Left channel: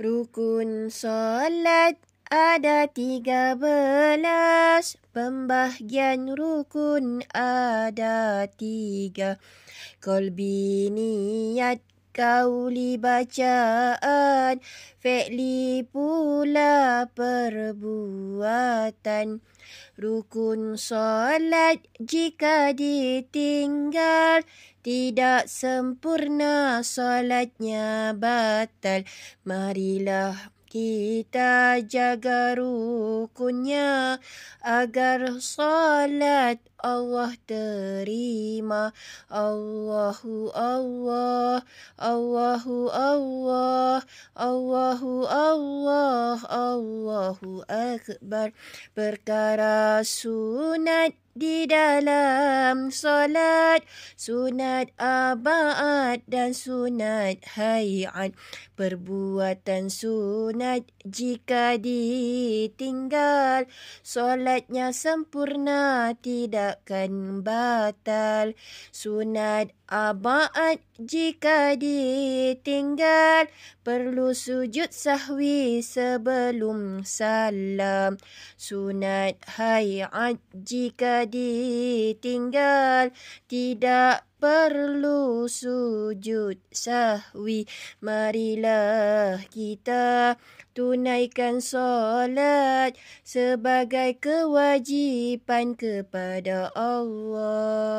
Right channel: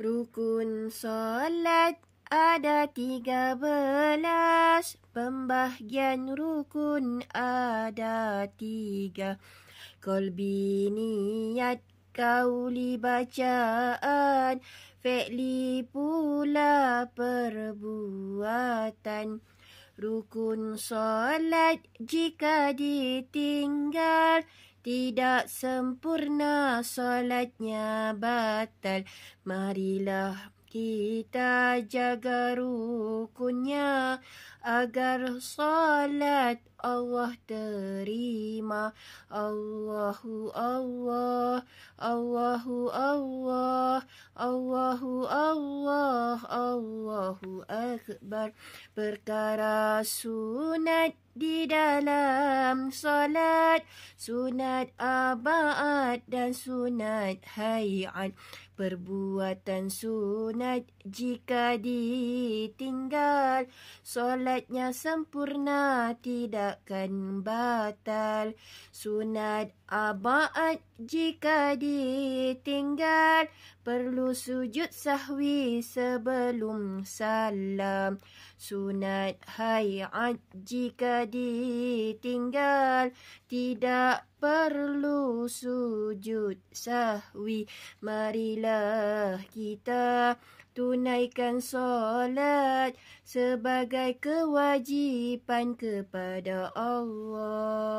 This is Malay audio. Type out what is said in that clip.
Rukun solat ada 13, pembahagian rukun ada 3. Qalbi, niat, qauli bacaan, fi'li pula perbuatan. Rukun solat jika ditinggal, tidak sempurna solatnya batal. Marilah kita jaga rukunnya agar solat Allah terima. Allahu Allah, Allahu Allah, Allahu Allah, Allahu Akbar. Perkara sunat di dalam solat, sunat abad dan sunat hayat. Perbuatan sunat jika ditinggal, solatnya sempurna tidakkan batal. Sunat abad jika ditinggal, perlu sujud sahwi sebelum salam. Sunat hayat jika ditinggal, tidak perlu sujud sahwi. Marilah kita tunaikan solat sebagai kewajipan kepada Allah.